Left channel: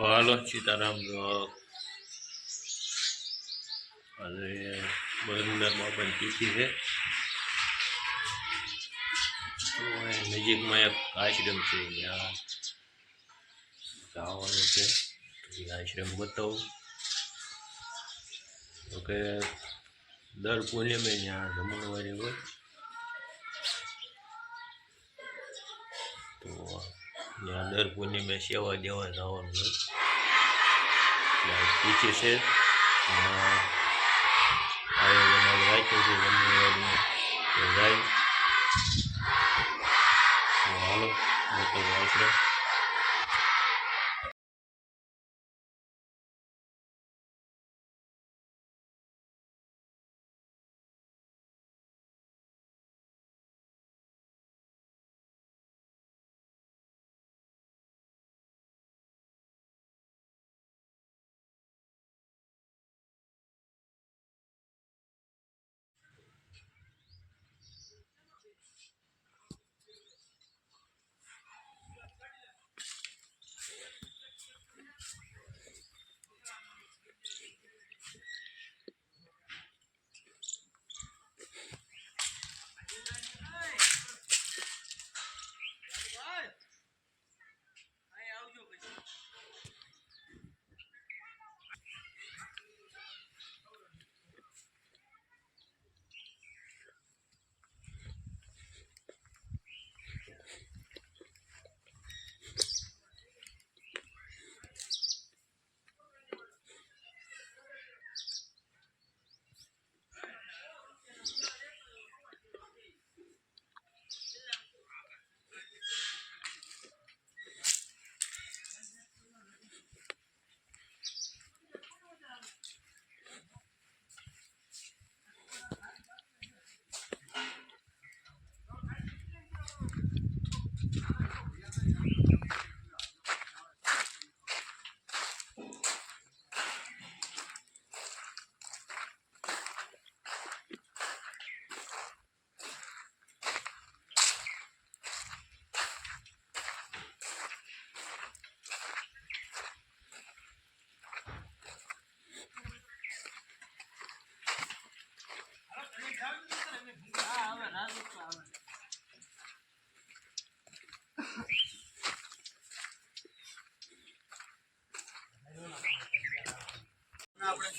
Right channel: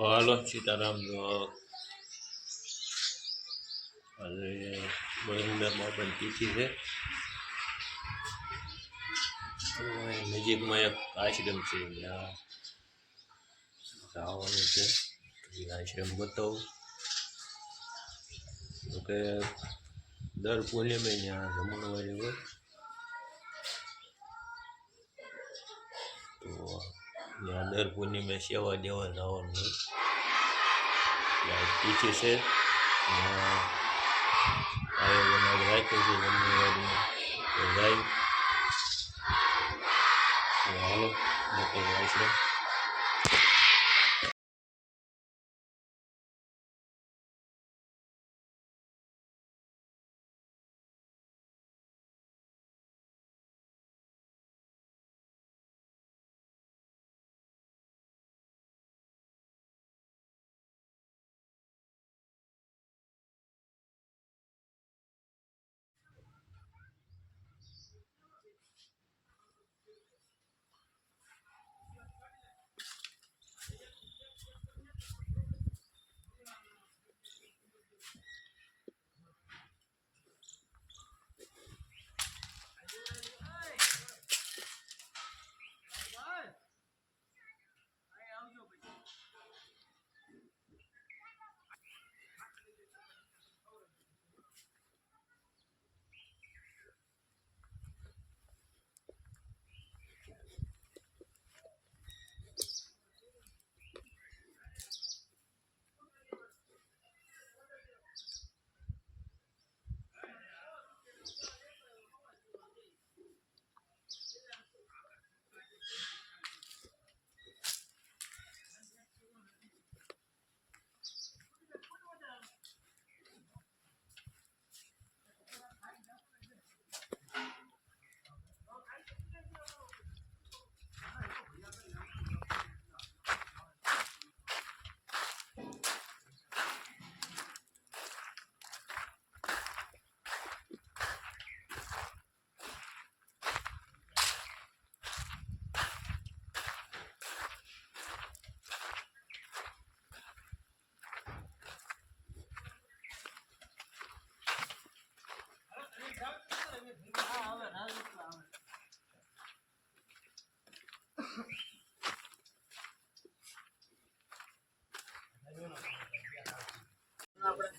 હાલો, સીતારામ આજે બરંદામાં પણ તિથિ છે. નજીકમાં એક આશ્રમ છે, ત્યાં જવાનું છે. એ આશ્રમ બતાવું. તો કે દર પૂર્ણિમે ત્યાં જમણવારી હોય. તો ત્યાં દર પૂર્ણિમે સેવા દેવા જવાનું. હોય એટલે છે. આયોજન રાખ્યું છે જમણવારીનું તો જાય. હાલો મોકલવા આશ્રમ.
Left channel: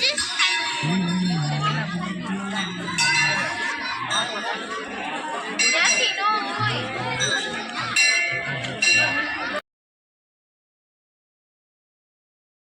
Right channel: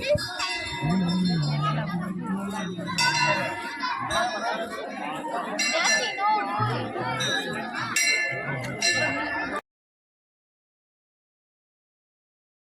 This